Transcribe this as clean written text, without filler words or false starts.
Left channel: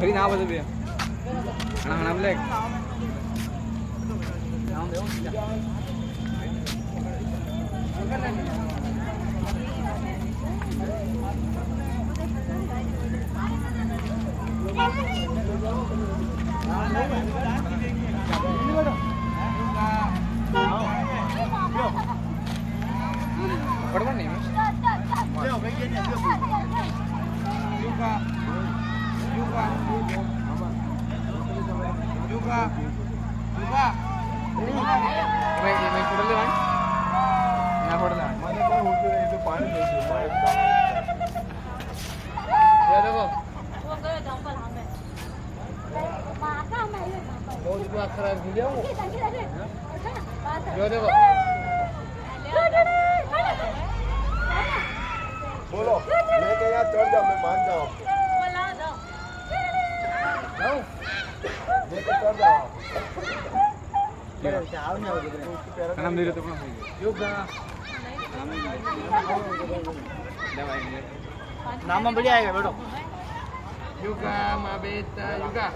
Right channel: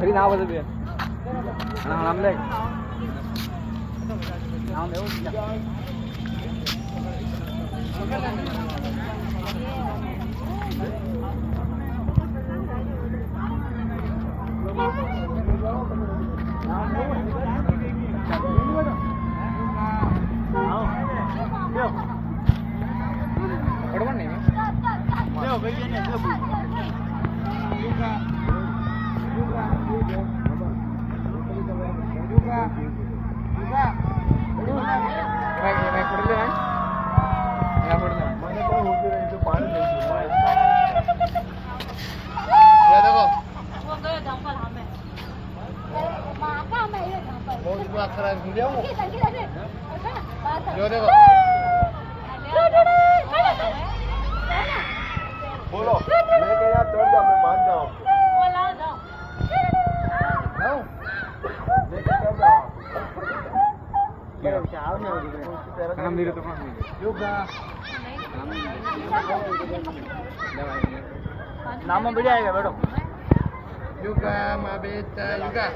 Beri nào bây giờ bia? Nào làm lên. Nào nếu बोलो लेके यहाँ चढ़ जाओ मैं मान जाऊँ लेके चढ़ जाओ नाम दे रहे तो योगा नाम बढ़िया आएगा बैठो योगा माँ बेटा योगा